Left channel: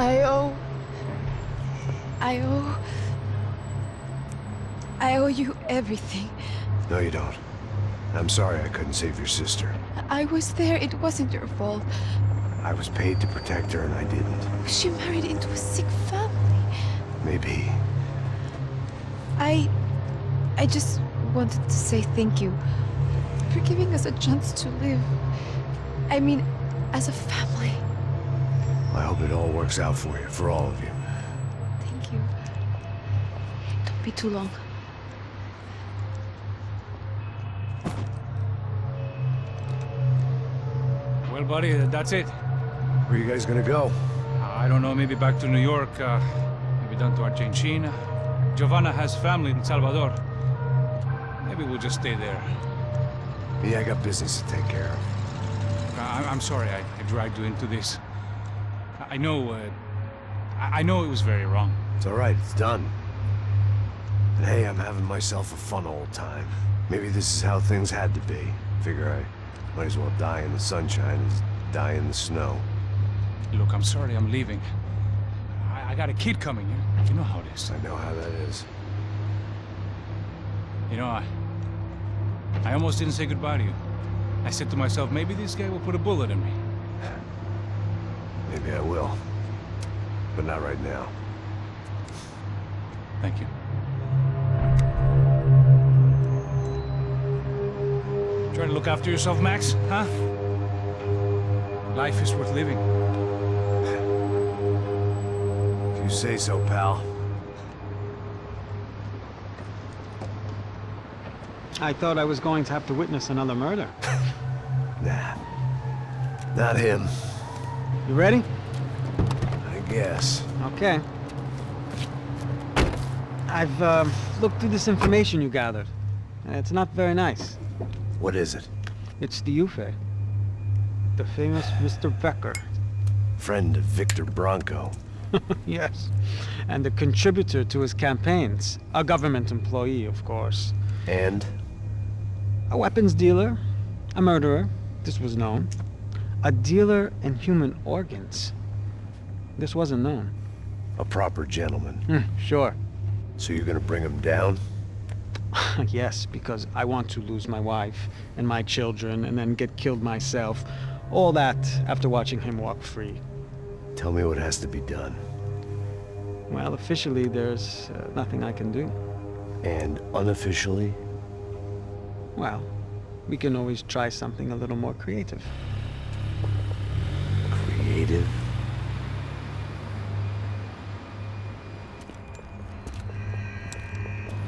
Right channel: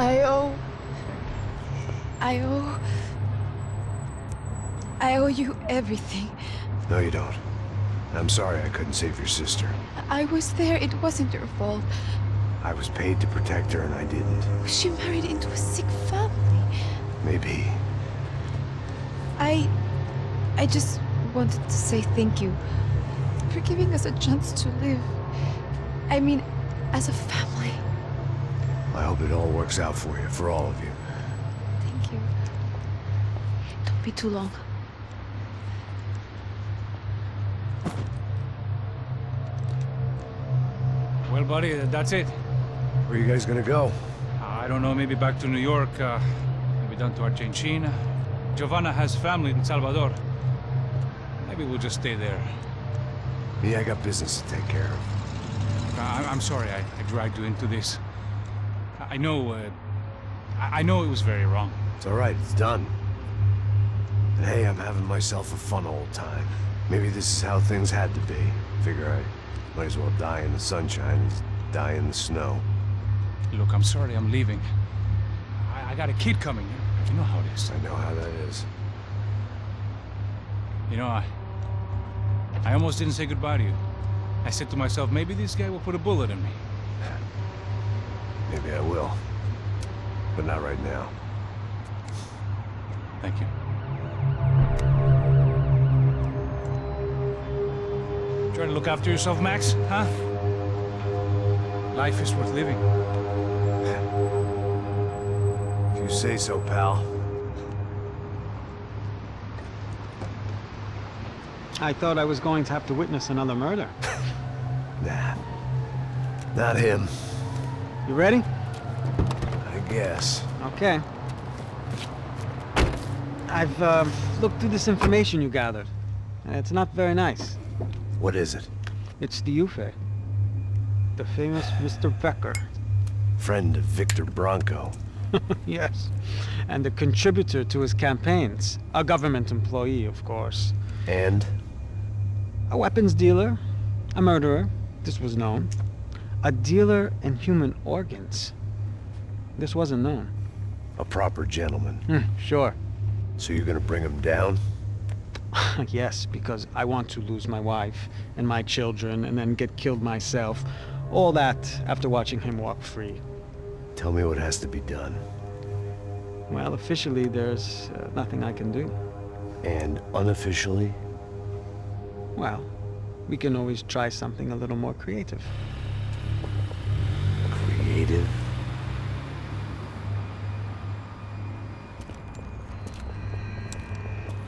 I owe... I owe you everything. No, you don't. I'm sorry I couldn't save your sister. I was there. It wasn't your fault. I was paid to protect her and I didn't. She married into a sick family. Maybe. I just wanted to say thank you for giving us a chance to live. I mean, as a family. I hope it all works out for you, for all of you. Thank you. Don't be too long. Well, buddy, that's it. Where are you guys gonna go? I don't know, maybe back to New York, maybe down to Argentina. Giovanna has family in Salvador. Maybe we'll just stay there. Me, I got business to take care of. I'm sorry I dragged you into this. I know it was very wrong. It's all right, it's done. And hey, I'm having myself a fun old time. Maybe this is how things had to be. Figure I might as well die in the sunshine as die in the snow. Look, I'm sorry I'm leaving. I got a kid coming. You know how it is. I know how that is. You know, I almost didn't say goodbye to you. I said to myself, maybe this guy will put a bullet in me. Maybe I will. But not right now. Thank you. Try to look after yourself, Max, huh? Life is worth living. If you say so, pal. I thought I was going to have to witness another murder. Nah. Not him. You ready? I guess. Okay. I've looked through this information you gathered. And it's not very nice. What is it? It's the Ufe. The famous Mr. Becker. Friend of Victor Bronco. Yes. And a contributor to his campaigns. A government employee, of course. And? A weapons dealer. A murderer. This was known. A dealer in human organs. This wasn't known. A proper gentleman. Sure. So you're gonna bring him down? Yes, because I want to lose my wife and my children and then get killed myself. All that after watching him walk free. Tell me what has to be done. Well, officially there's nothing I can do. And unofficially? Well, we can always try something a little more creative. Creative?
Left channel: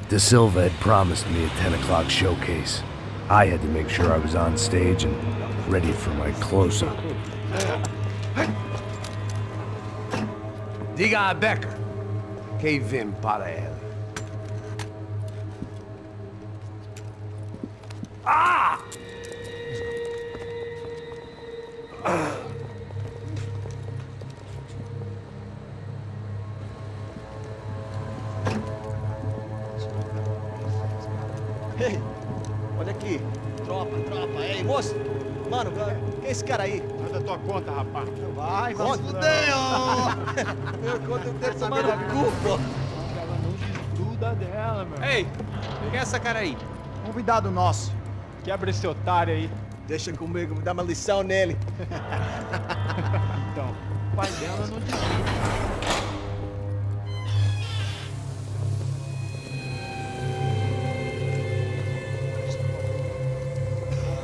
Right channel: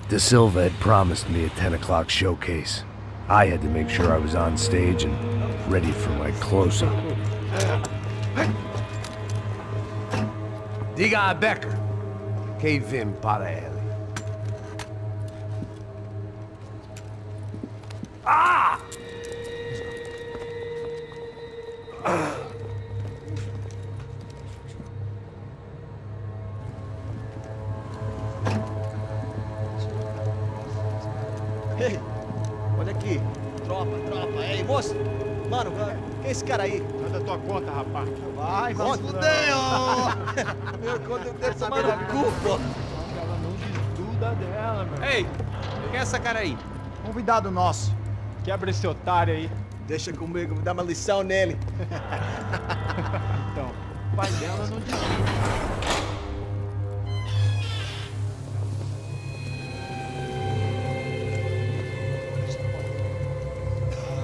De Silva had promised me a 10 o'clock showcase. I had to make sure I was on stage and ready for my close-up. Diga a Becker. Que vim para ele. Ah! Ei, olha aqui. Tropa. Ei, moço. Mano, quem é esse cara aí? Faz a tua conta, rapaz. Vai fudeu! Meu conta eu tenho tomado cu, pô. Ela não desgruda dela, meu. Ei, quem é essa cara aí? Convidado nosso. Quebra esse otário aí. Deixa comigo, vou dar uma lição nele. Então, o pai dela não desgruda.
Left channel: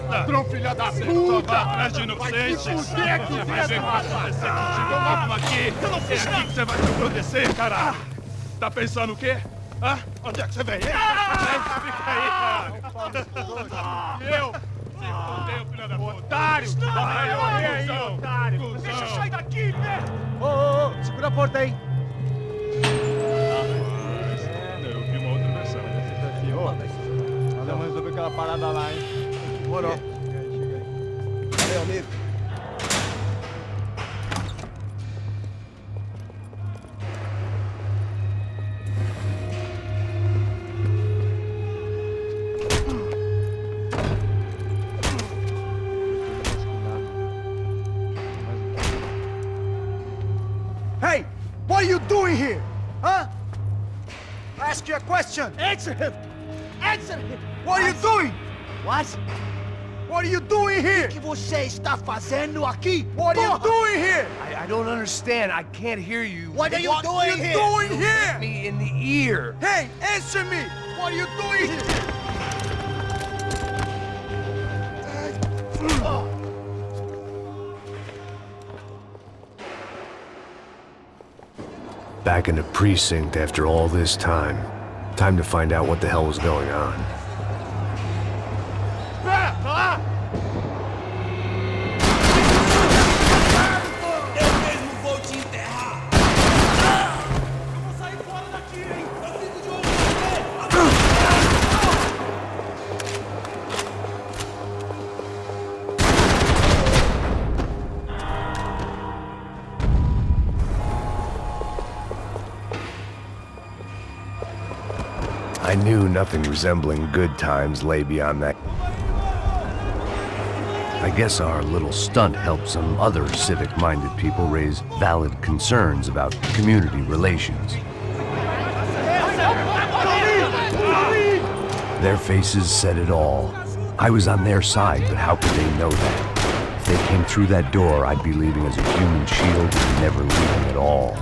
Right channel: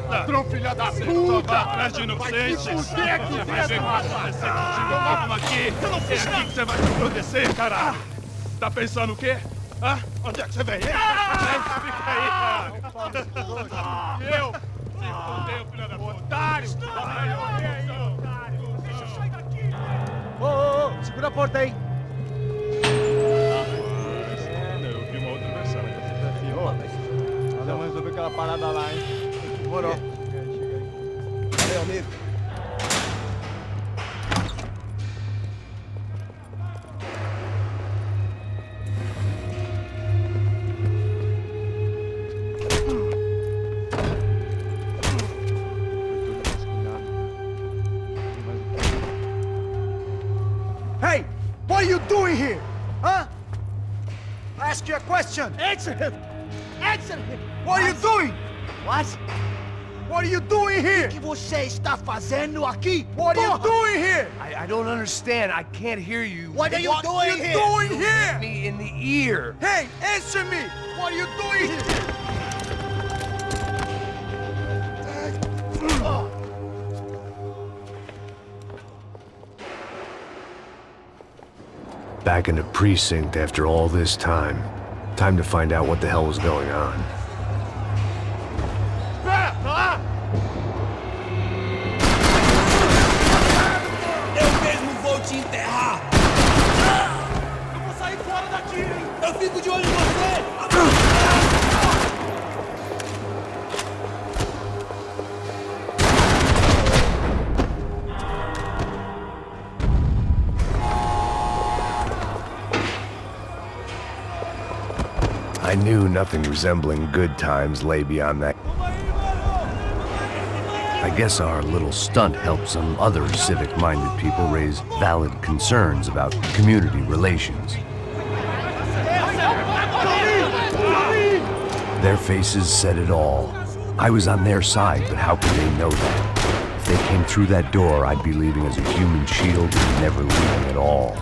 Ladrão, filha da puta! Atrás de inocente! Vai se fuder aqui dentro, rapaz! Vamos aqui! Eu não fiz nada! É aqui que você vai se proteger, cara! Tá pensando o quê? Hã? Onde é que você vem? Fica aí, cara! E eu? Se fudeu, filha da puta! Otário! Vai, aí, otário! Deixa eu sair daqui, né? Ô, segura a porta aí! Eu vi uma outra versão. Vamos resolver aquela parada lá, hein? Demorou. Chega aí. Valeu, amigo. Hey! What are you doing here? Huh? I ask you a question. Answer him! Answer him! What are you doing? What? What are you doing here? O que você está fazendo aqui? What are you doing here? I don't understand. I can't hear you. What are you doing here? What are you doing here? Me in the ear. Hey, answer me! What are you doing here? Back in the precinct after all this time. Time to find out what the hell was going on. Eu mesmo vou te enterrar! Eu vou sair fora daqui, hein? Eu fico de olho em você! I knew nothing resembling good times lay beyond that. I guess our little stunt helped some other civic-minded people raise valid concerns about community relations. Their faces said it all. I was on their side, but how could they know that? If they came through that door, I'd be leaving as a human shield and never leaving at all.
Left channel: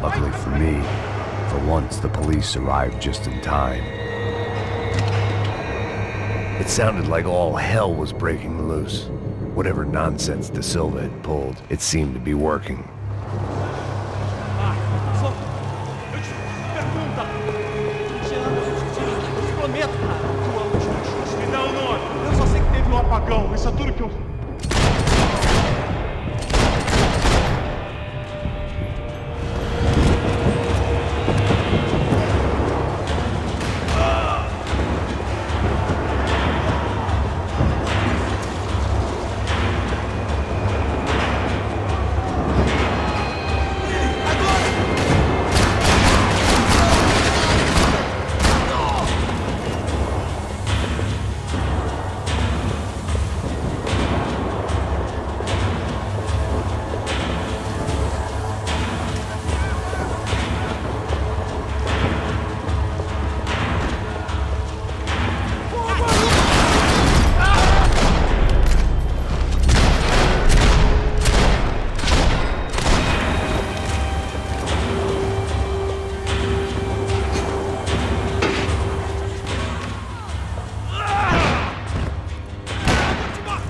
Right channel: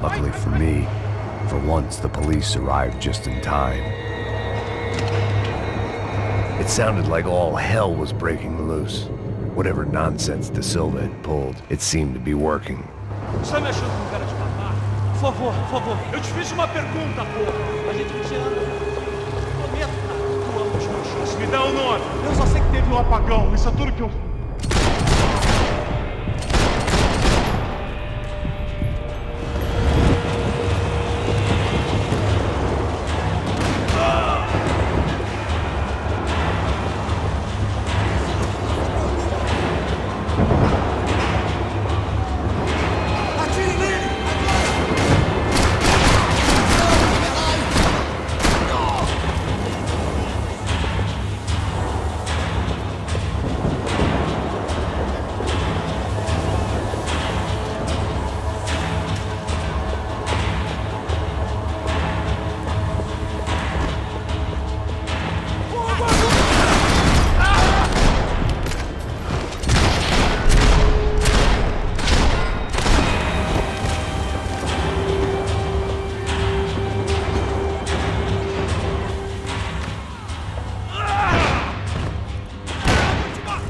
Luckily for me, for once the police arrived just in time. It sounded like all hell was breaking loose. Whatever nonsense De Silva had pulled, it seemed to be working. Você me ajuda com o cara de matar? Por favor. Eu te fiz uma pergunta, pô. A gente não te ama, eu te prometo, cara. Tu ama os cachorros. Me dá o nome. Eu só sei que teve um apagão. Isso é tudo que eu...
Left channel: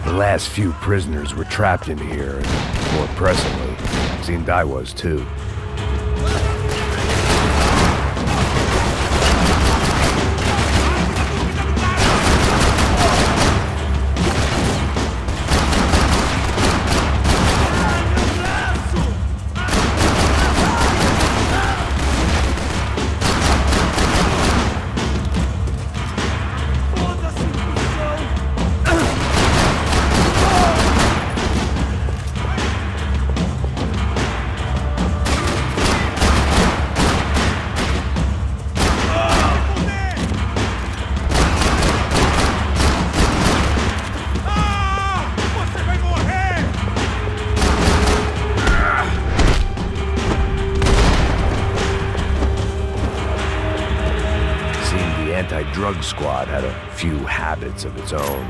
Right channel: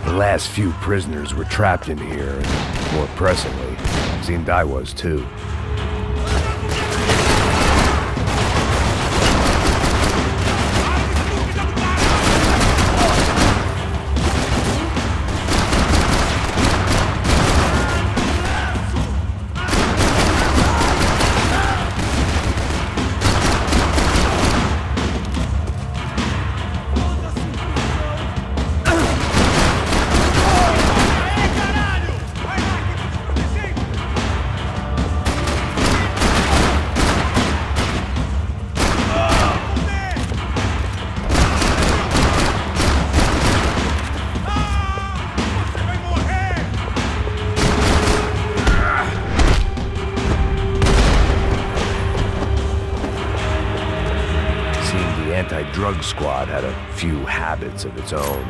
The last few prisoners were trapped in here, and more pressingly, it seemed I was too. The anti-drug squad had a few habits of its own.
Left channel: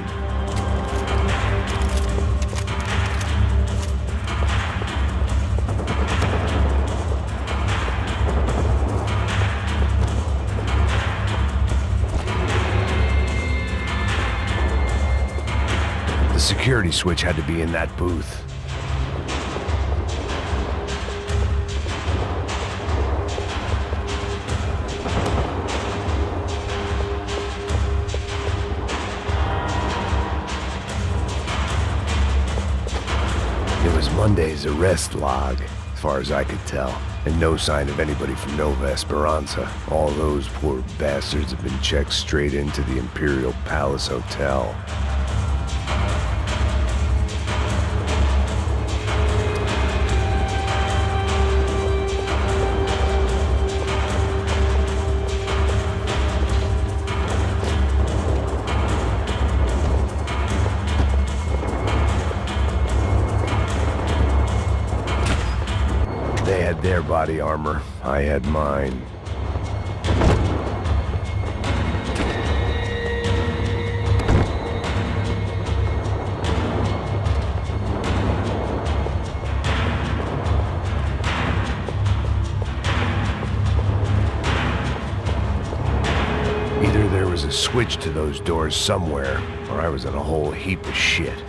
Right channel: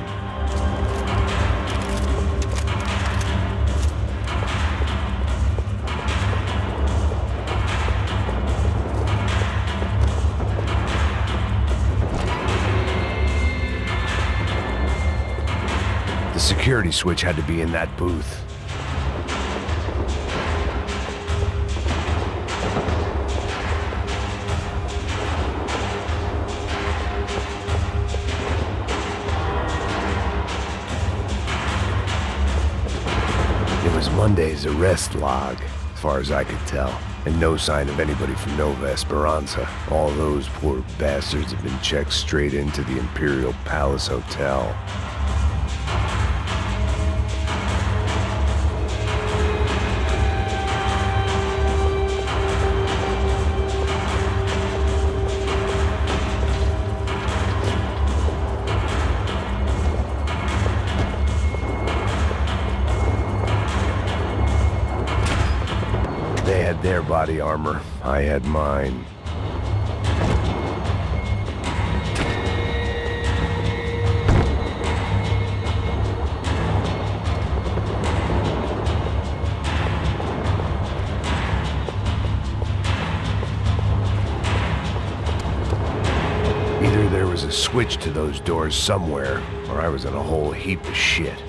The security switch had to be in that booth. It was Monday's arrest log, as far as I could tell, and no sign of anybody from Nova Esperanza. All those poor bastards have been checked straight into the Imperial Palace Hotel. had their body armor. I had mine. Either there was a switch to those doors somewhere, or I was in a whole heap of shit.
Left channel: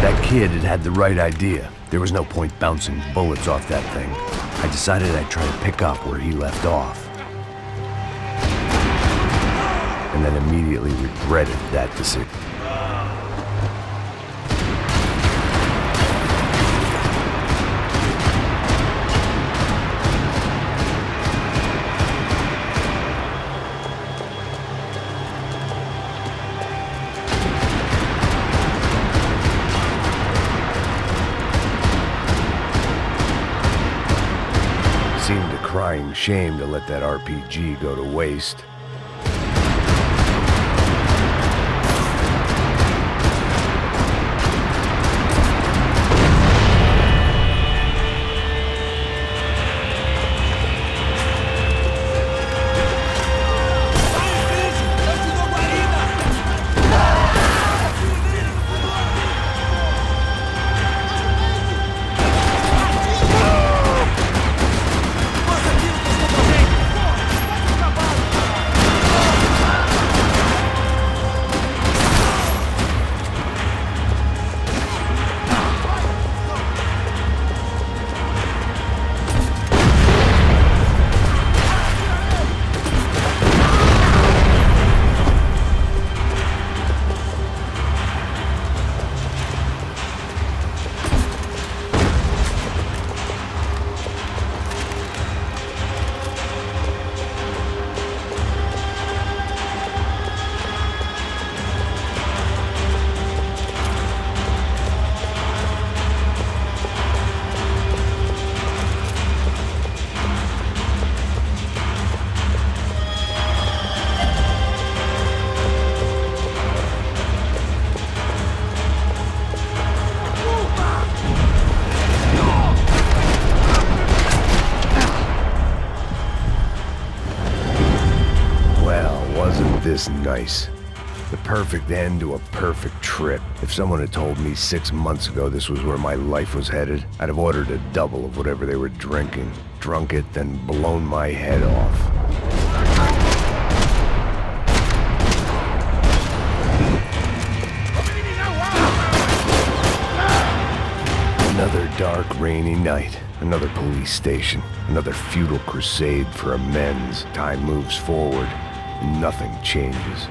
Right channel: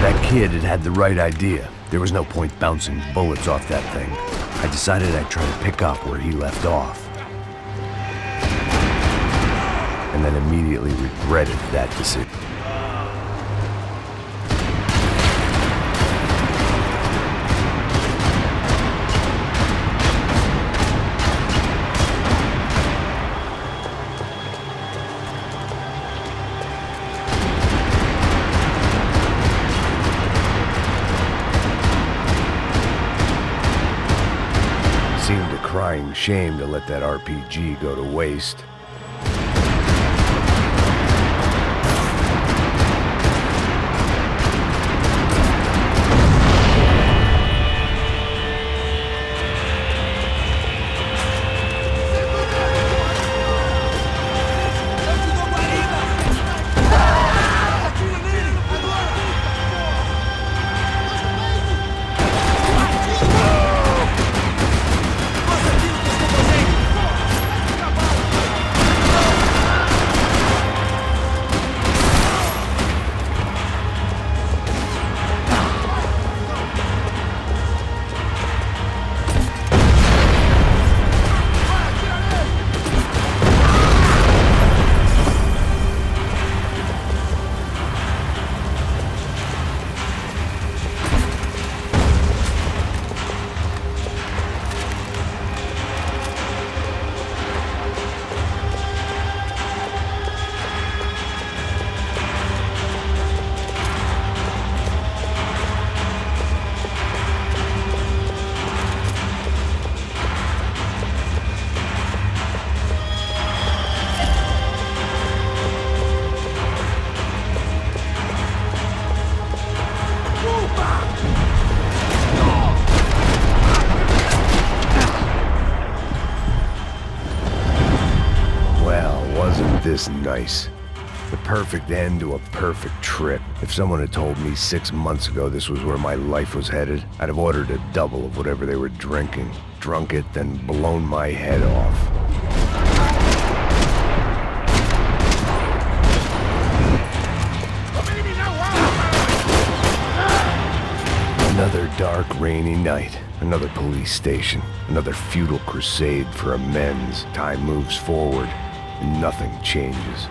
That kid had the right idea. There was no point bouncing bullets off that thing. I decided I'd try to pick up where he left off. And then immediately regretted that decision. Seemed a crying shame to let that RPG go to waste. This nice. The perfect end to a perfect trip. If someone had told me 6 months ago this was where my life was headed, I'd have ordered a double of whatever they were drinking, drunk it, then blown my head off. Another dark, rainy night. Another police station. Another futile crusade for amends. Time moves forward. Nothing changes.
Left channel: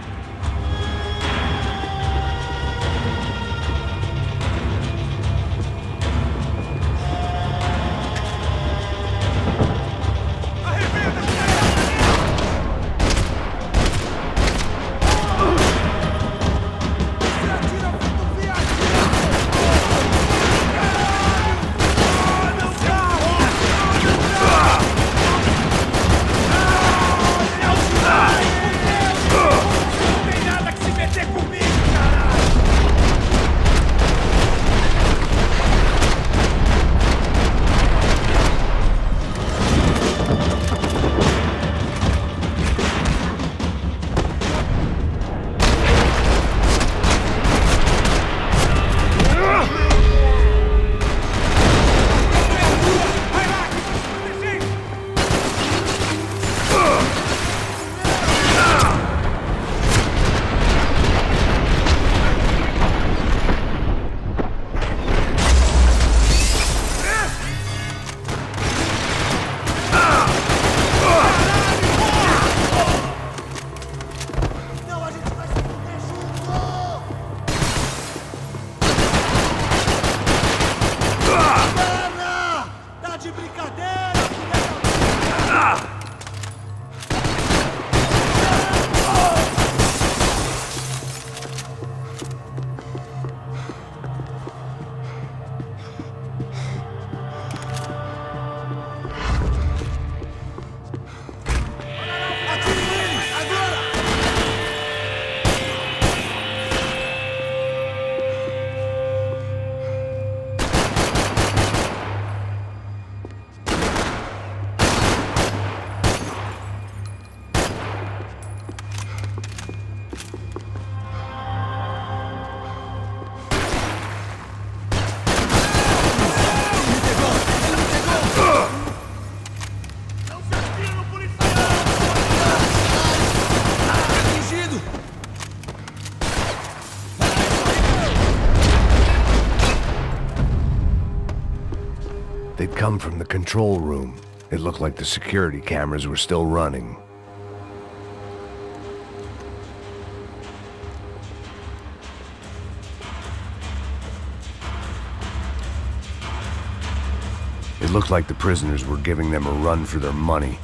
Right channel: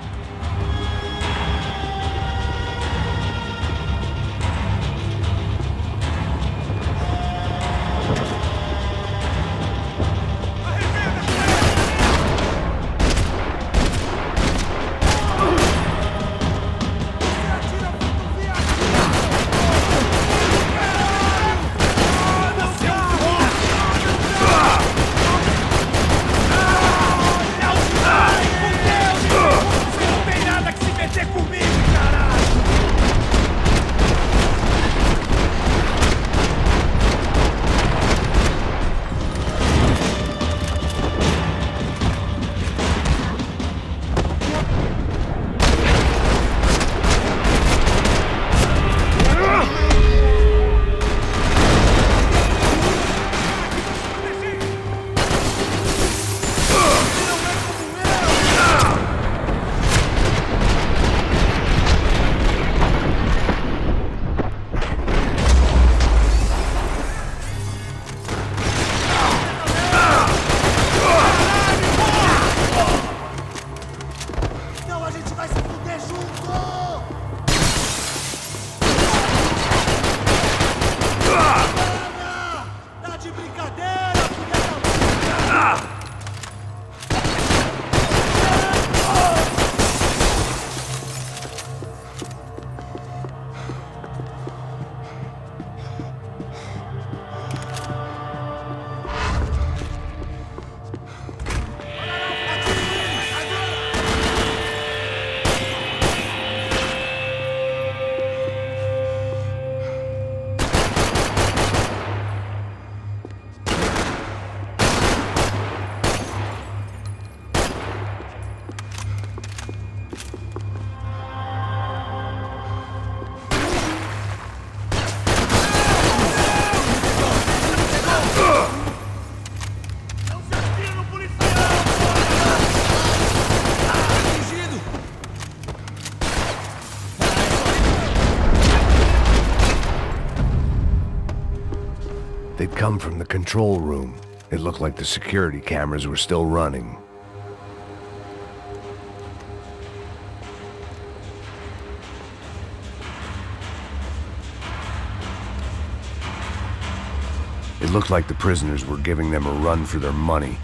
come from the control room. It looked like the security cameras were still running. It looked like the prisoners were giving them a run for their money.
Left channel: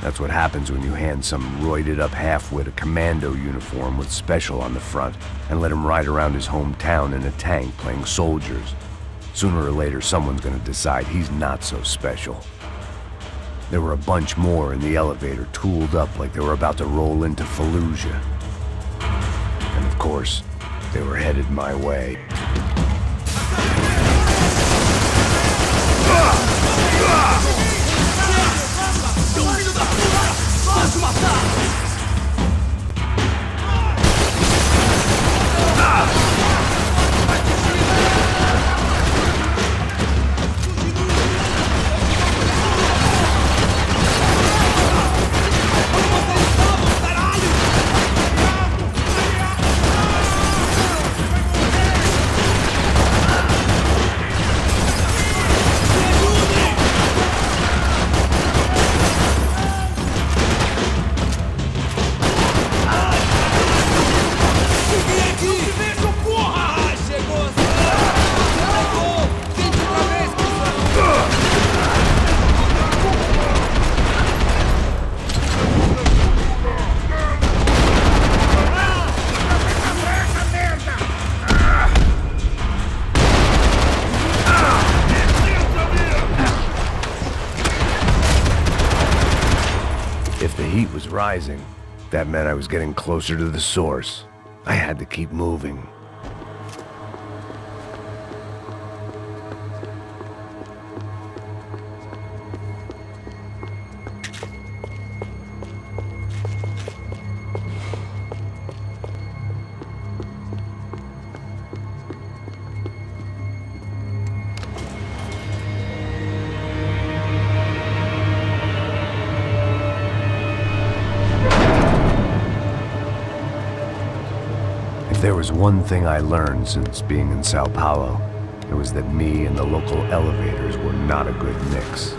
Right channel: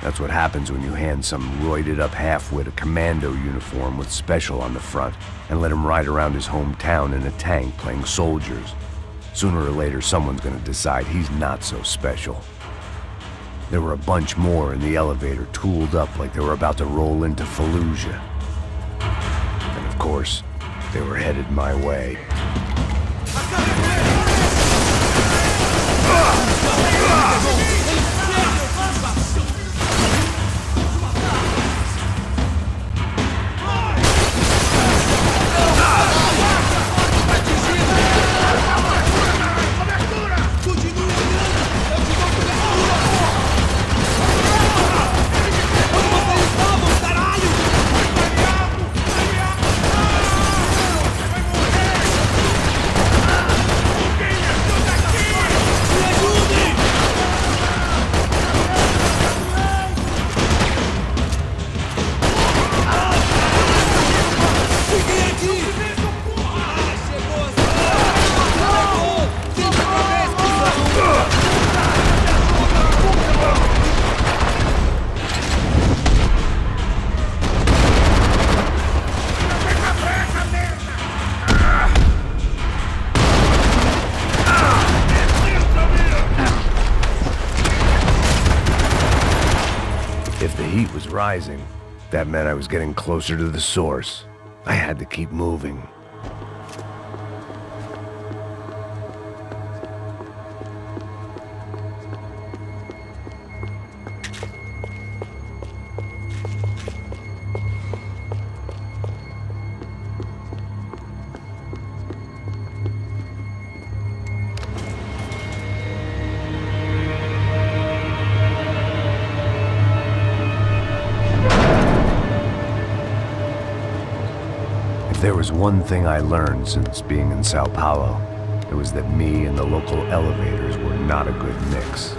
That's what happens when you hand some roided-up halfwit a commando uniform with special on the front and let him ride around his hometown in a tank playing soldiers. Sooner or later, someone's gonna decide he's not so special. There were a bunch more in the elevator, tooled up like they were about to roll into Fallujah. And of course, they were headed my way. If the heat was rising, that meant I was getting closer to the source. I had to keep moving. If there was one thing I learned since being in São Paulo, it was that me and the local elevators were not a good mix.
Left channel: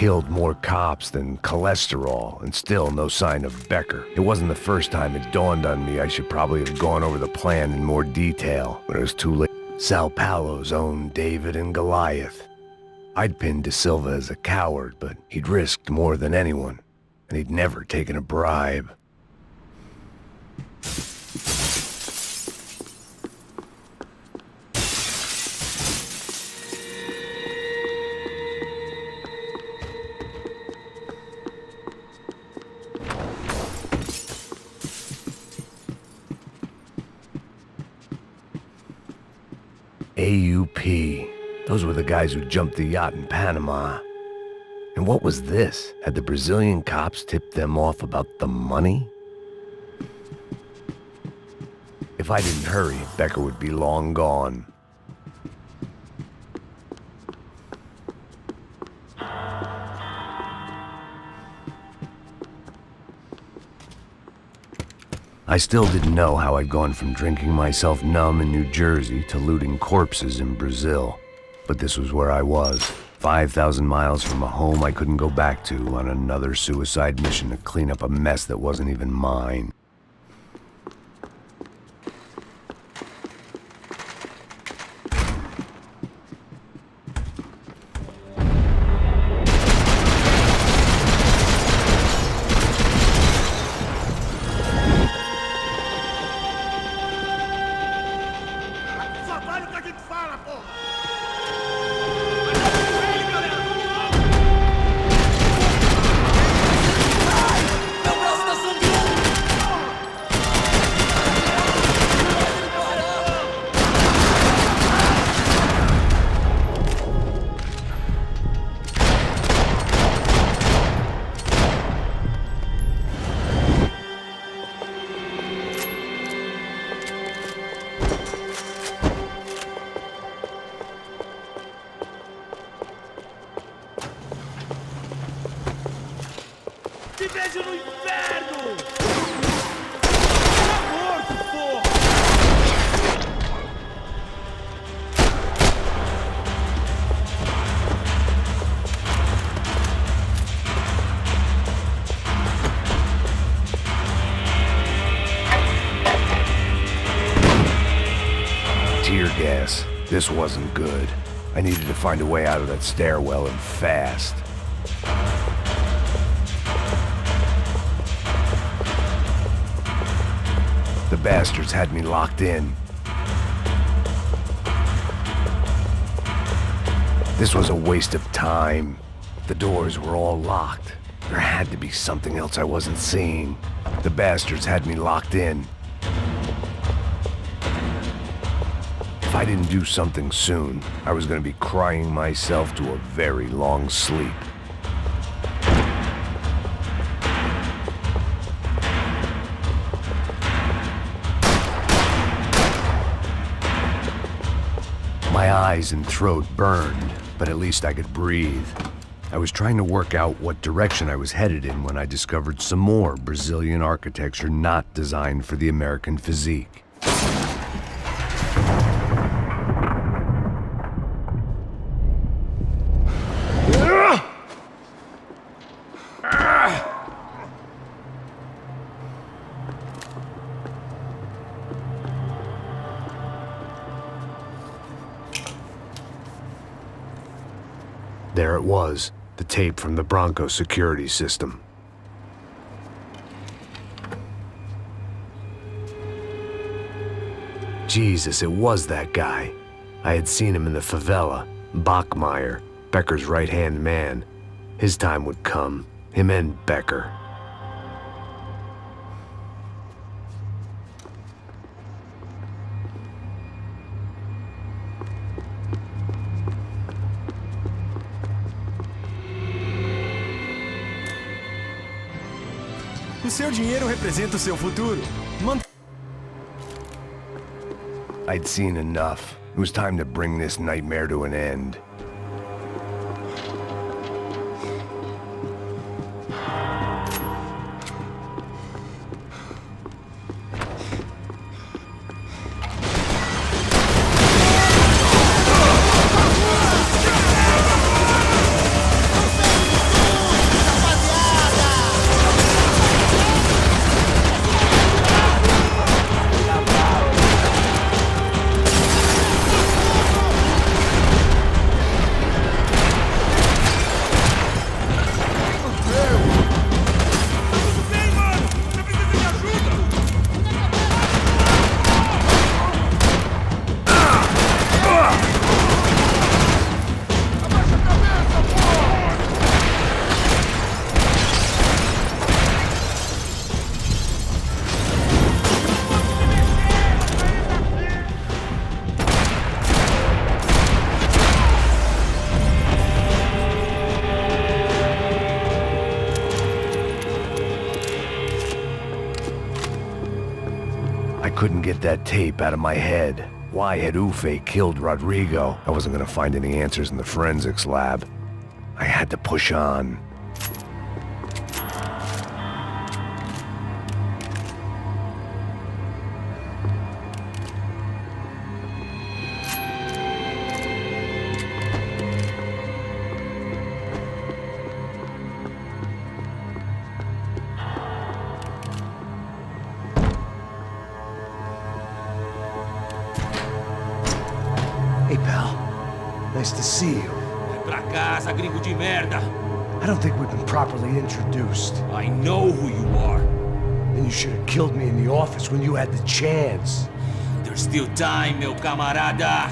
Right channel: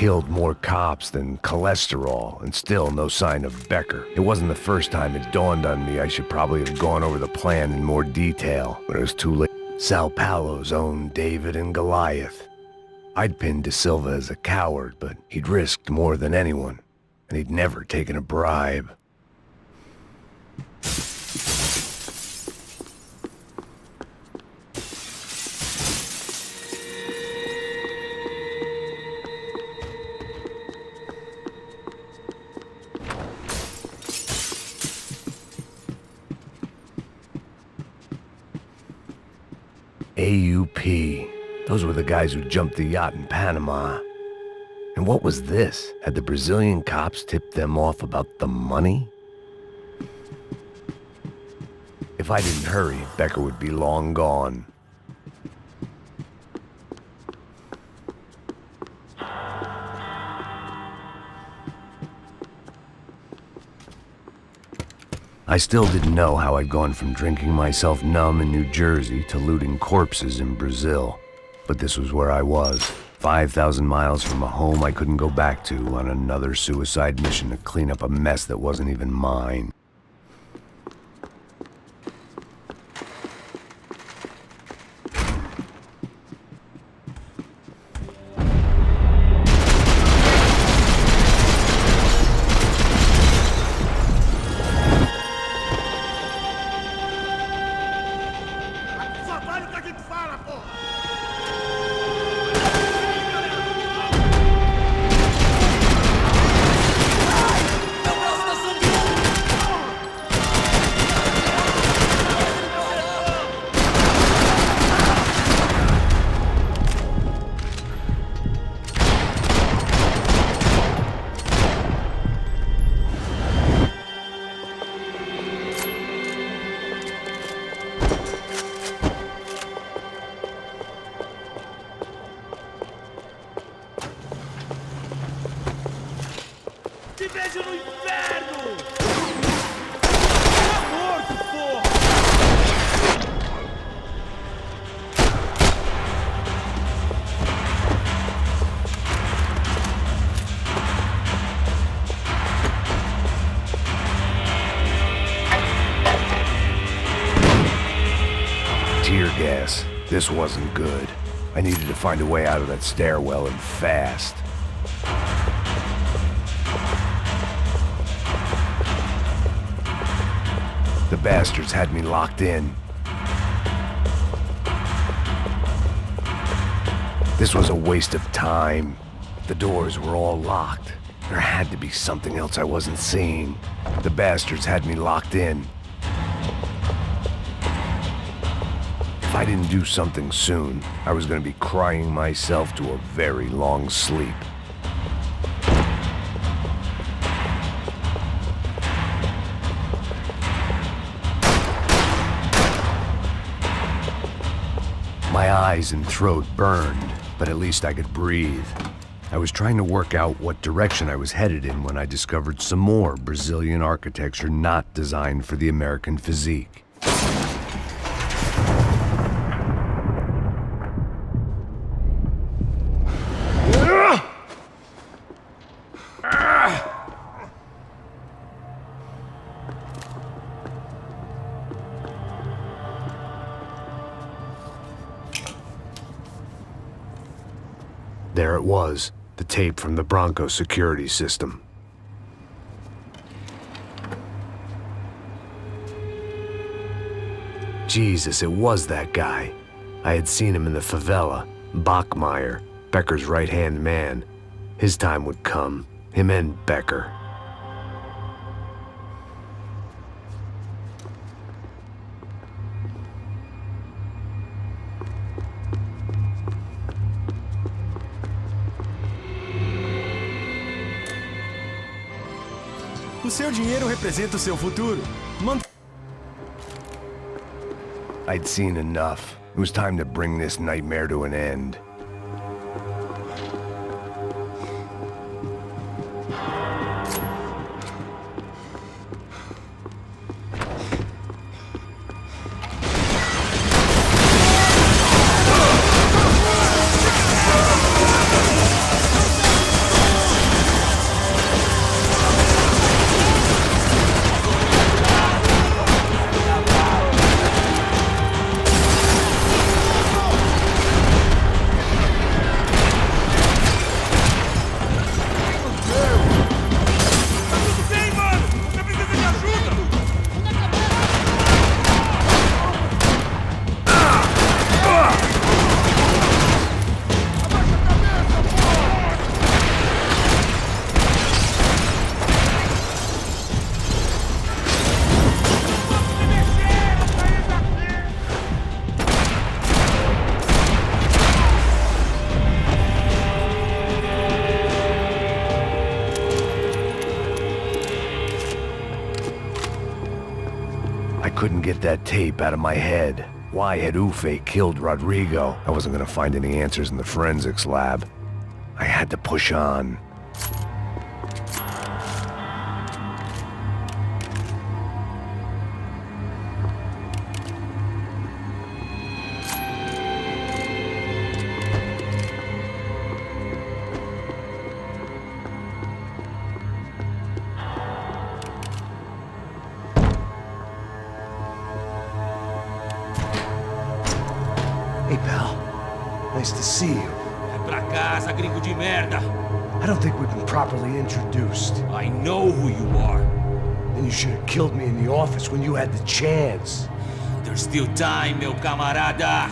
killed more cops than cholesterol, and still no sign of Becker. It wasn't the first time it dawned on me I should probably have gone over the plan in more detail, but it was too late. Sao Paulo's own David and Goliath. I'd pinned De Silva as a coward, but he'd risked more than anyone, and he'd never taken a bribe. AUP. Those were the guys who jumped the yacht in Panama. And what was this? Had the Brazilian cops tipped them off about the money? If I didn't hurry, Becker would be long gone. I still didn't know how I'd gone from drinking myself numb in New Jersey to looting corpses in Brazil. But this was where I was, 5,000 miles from a home I couldn't go back to, on another suicide mission to clean up a mess that wasn't even mine. Te vejo no inferno! Tá morto, porra! Tear gas. This wasn't good. I needed to find a way out of that stairwell and fast. The bastards had me locked in. This was a waste of time. The doors were all locked. There had to be something else I wasn't seeing. The bastards had me locked in. If I didn't do something soon, I was going to be crying myself to a very long sleep. My eyes and throat burned, but at least I could breathe. I was trying to work out what direction I was headed in when I discovered some more Brazilian architecture not designed for the American physique. There it was, the tape from the Bronco security system. Jesus, it was that guy. I had seen him in the favela, Bachmeyer, Becker's right-hand man. His time would come, him and Becker. O seu dinheiro representa o seu futuro. I'd seen enough. It was time to bring this nightmare to an end. couldn't get that tape out of my head. Why had Ufe killed Rodrigo? I wasn't gonna find any answers in the forensics lab. I had to push on. Hey, pal. Nice to see you. Vai pra casa, gringo de merda. I don't think we've been properly introduced. I know who you are. Then you should have killed me in the office when you had the chance. There's still time, meu camarada.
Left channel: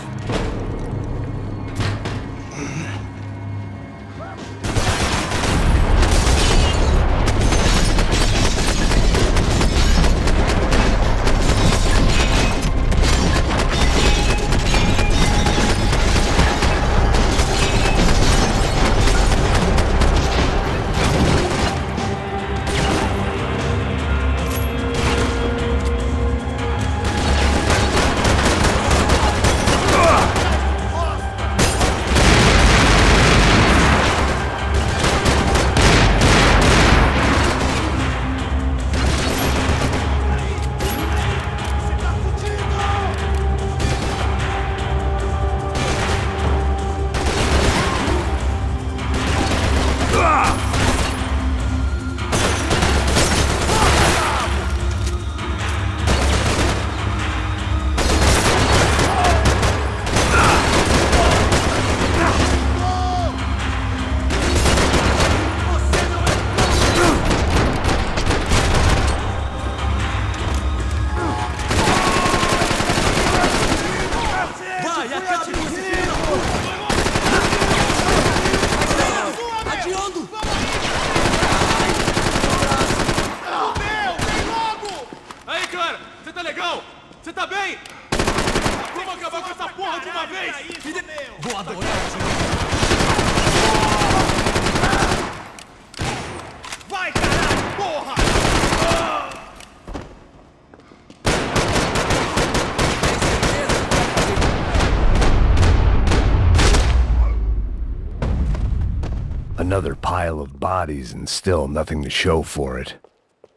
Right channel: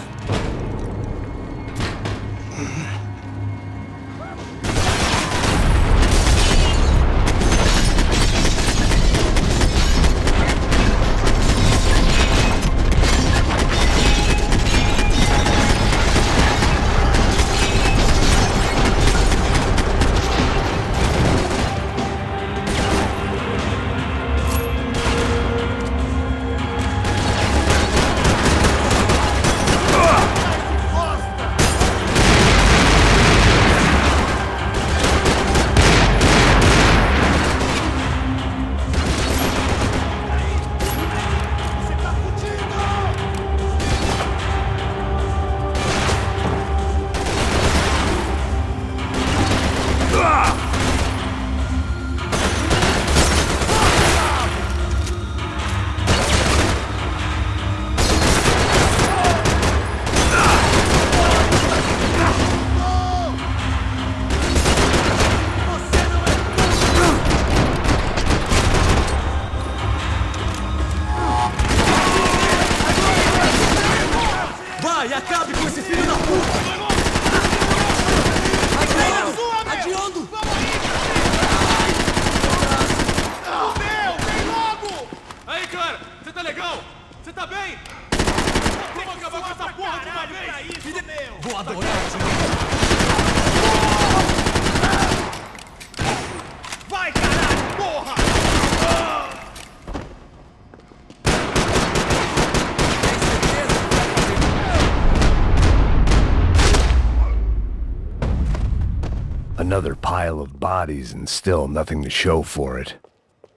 Another pile of bodies and still nothing to show for it.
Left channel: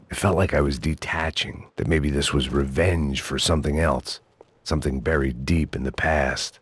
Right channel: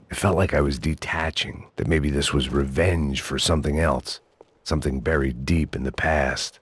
It felt like I was detaching, that maybe this was revenge for something else, something buried deep in the past.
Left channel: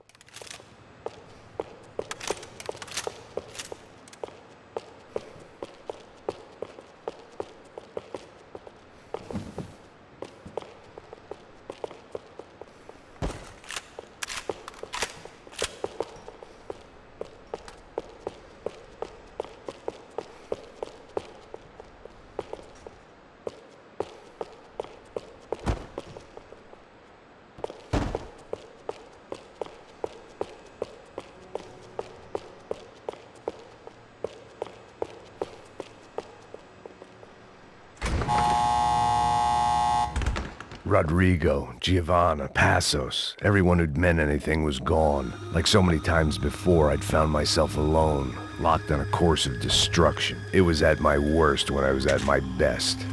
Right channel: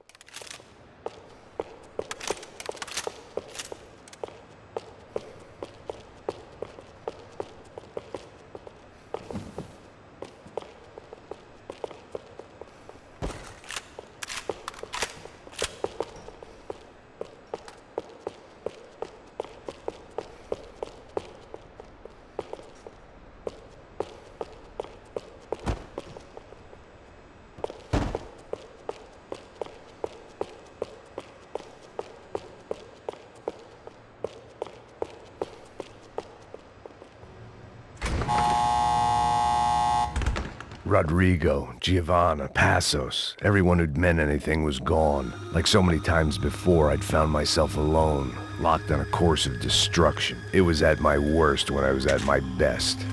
Rodrigo, Giovanna, Passos, everyone who'd meant anything was gone. Like so many times before, I'd found myself alone, locked on a course of destruction. It was at my worst when I was at my best.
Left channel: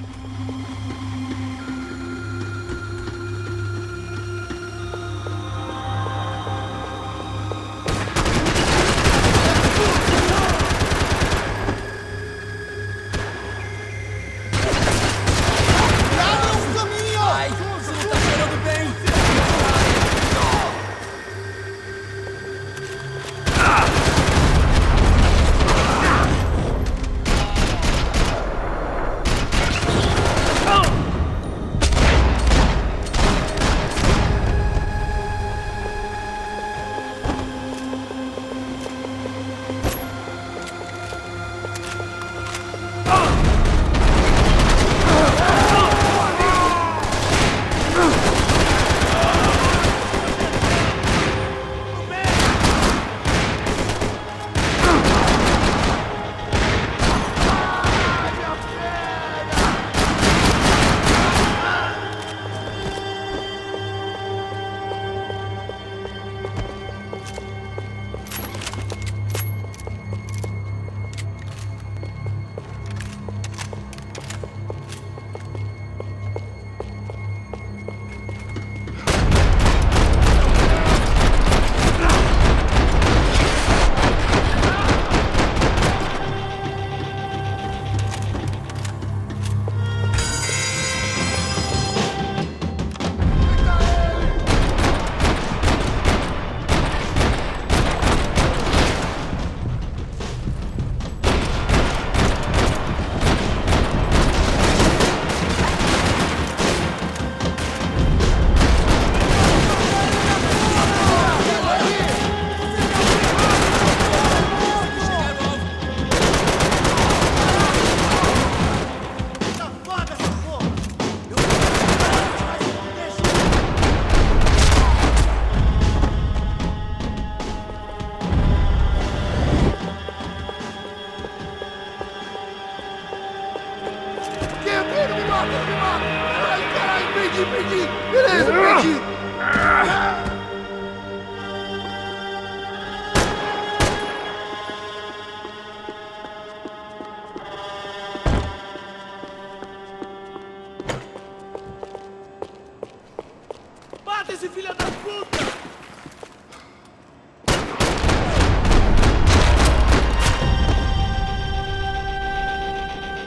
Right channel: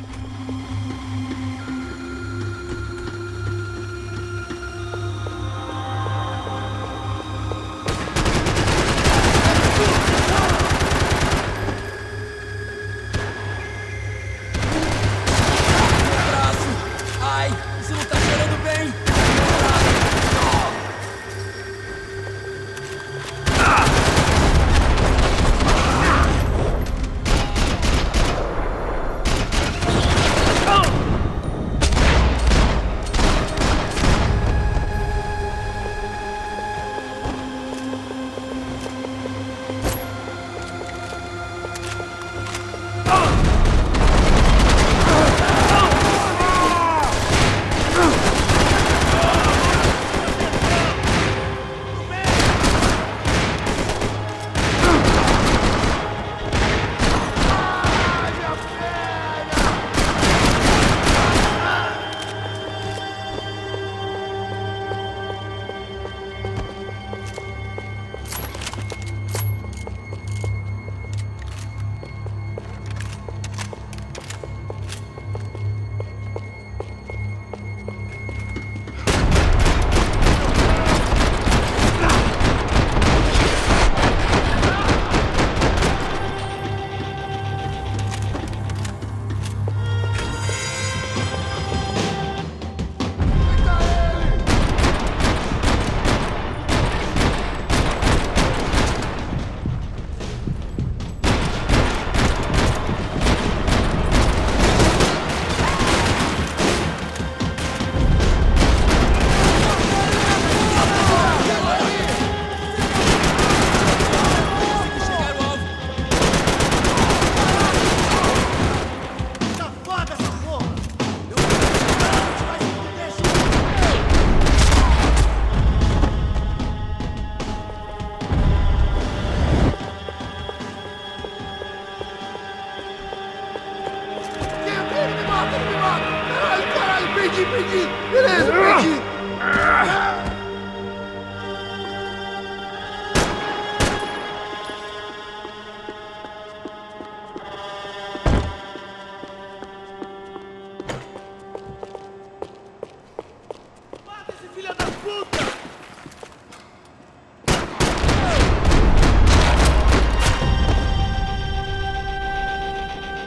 Mata esse filho da puta!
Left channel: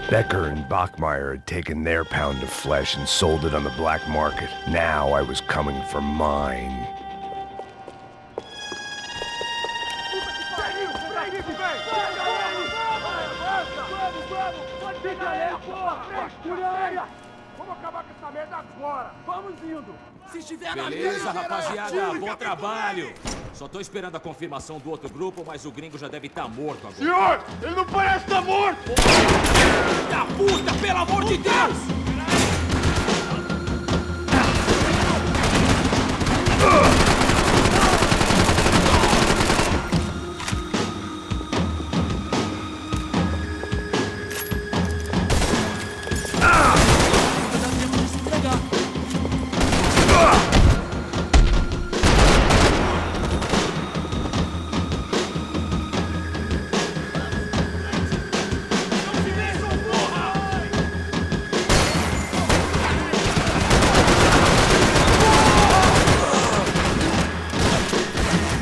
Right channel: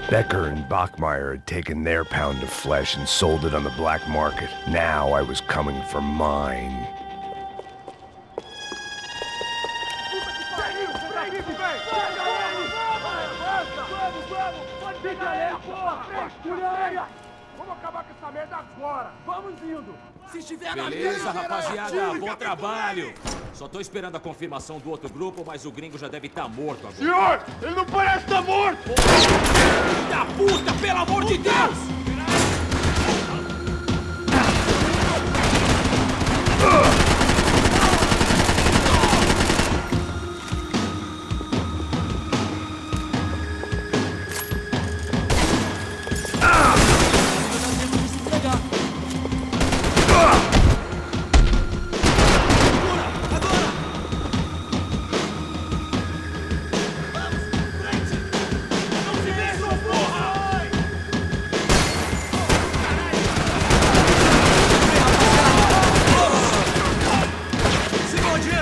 Becker and Bachmeyer had taken their pound of flesh and sold it on the black market. Now I was coming for mine. Vamos acabar com essa merda agora! Vamos indo! Se estiver na Beleza, rapaziada, bom trabalho! Só tô esperando a confirmação do outro grupo, mas o gringo já deve estar morto agora. Senhor, ele não parece estar morto! Filho da puta, pelo amor de Deus!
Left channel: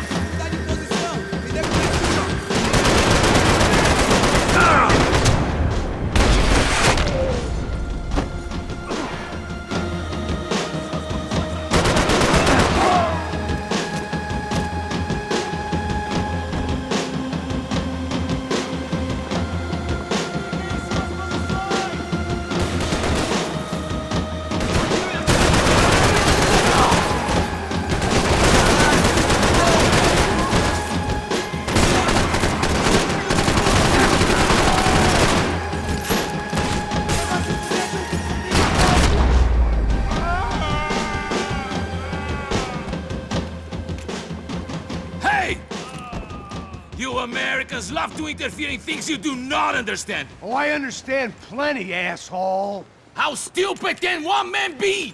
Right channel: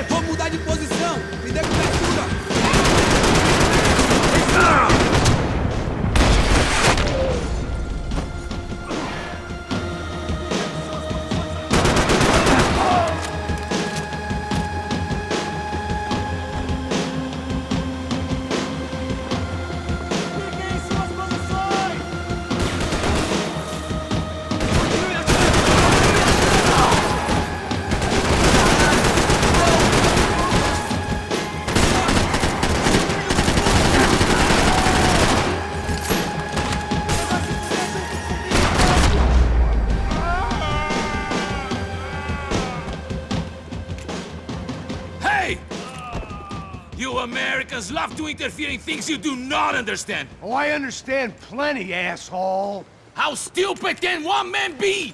Vamos mudar de posição! Me dê cobertura! Fiquem em suas posições! Hey! You Americans love to interfere in things you do not understand! Oh, I understand plenty, asshole. How stupid can one man be?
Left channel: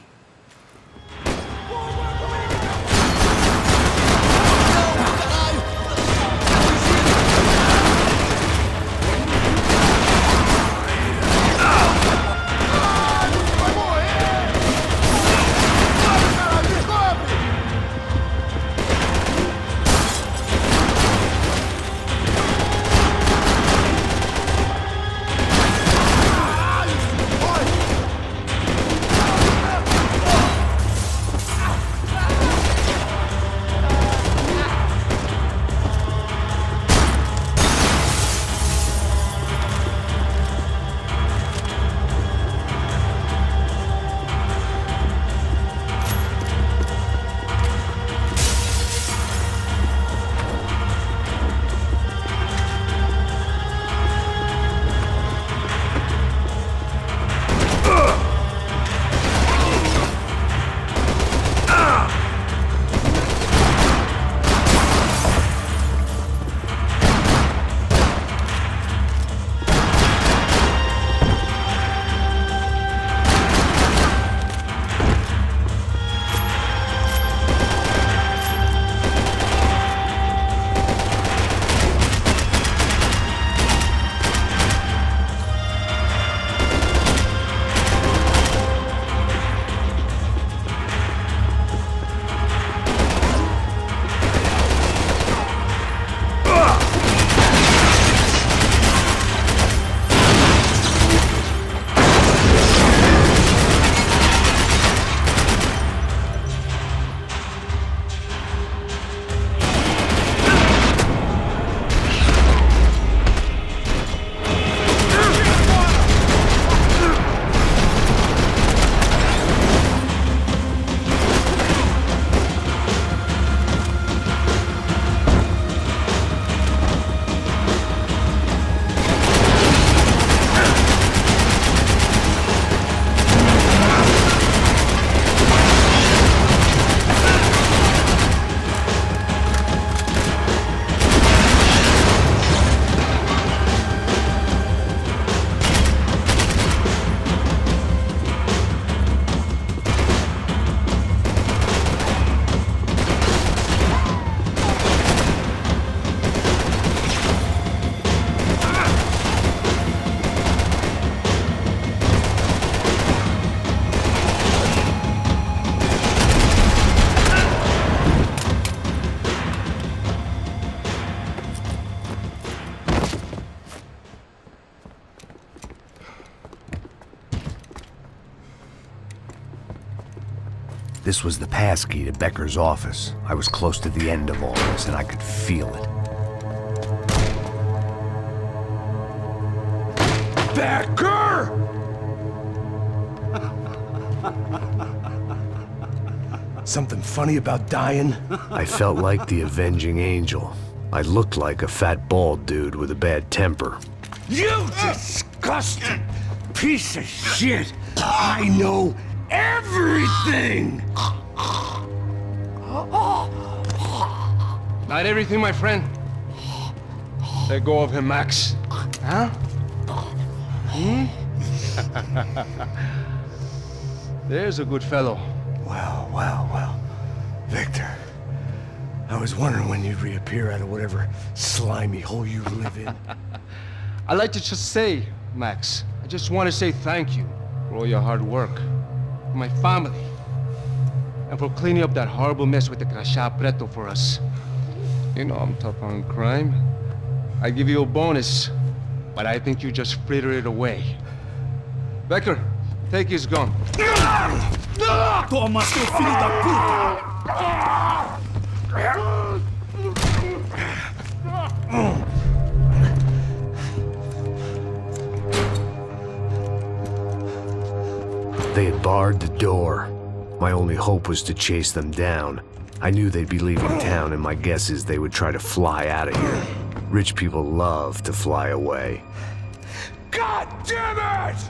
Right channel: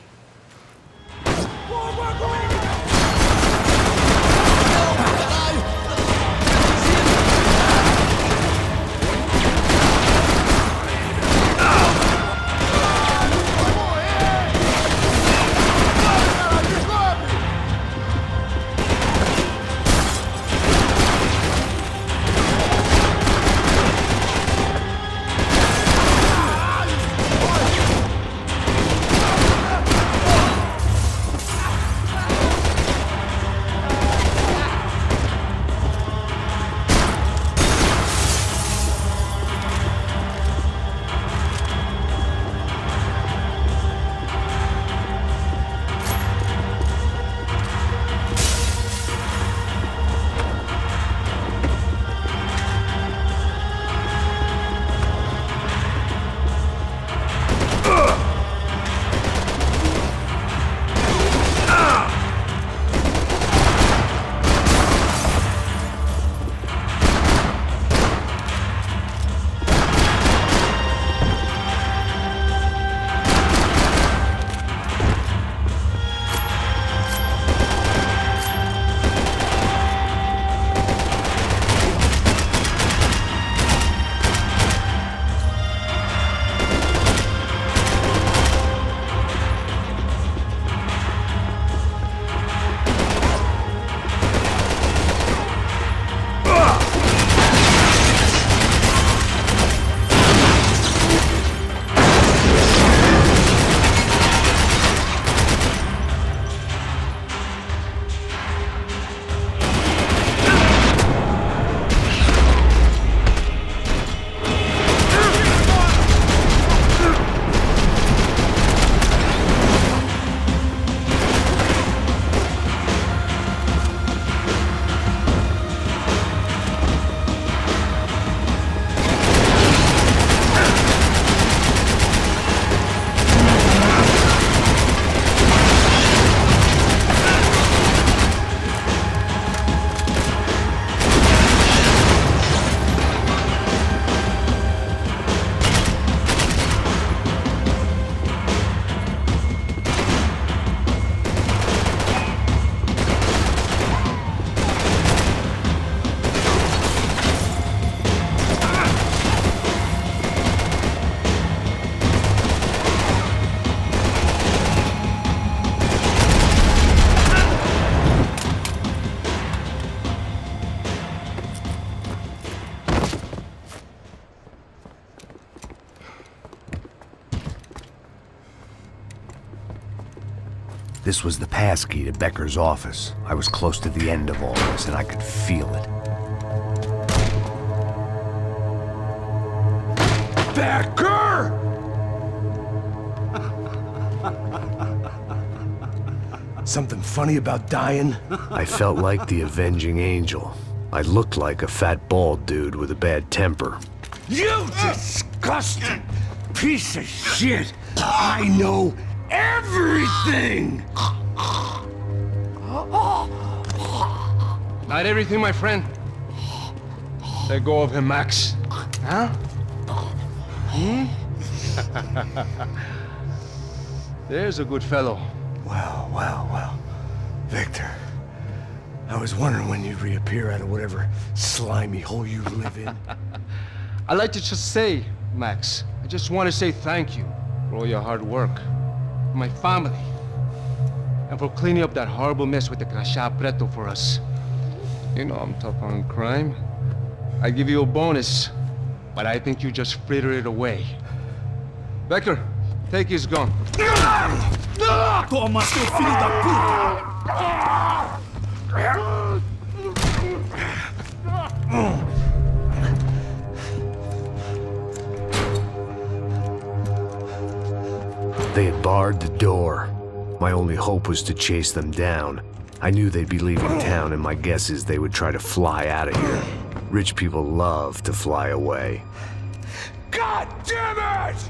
This was the passkey to Becker's office. I was close to the end of all this, and I could feel it. Becker! Something funny about dying? I felt like the avenging angel. I looked like a fat bald dude with a bad temper. You disgusting piece of shit! I know everything! Not everything, my friend. Let go of him, Max. Huh? There's a good fellow. Well. Victor, I was wondering when you'd reappear out of whatever slimy hole you live in. I'd like to just say, Max, I just want to say thank you for all your hard work, for my family, and for cleaning up that horrible mess with the crachá preto for us. You know I'm tough on crime. I give you a bonus, but I think you just frittered it away. Becker, take his gun. Toma, seu filho da puta! They had barred the door. My only hope was to chase them down. I knew they'd be leaving town, and my guess is they would try to fly out of here. Rich people love to fly away. God damn it!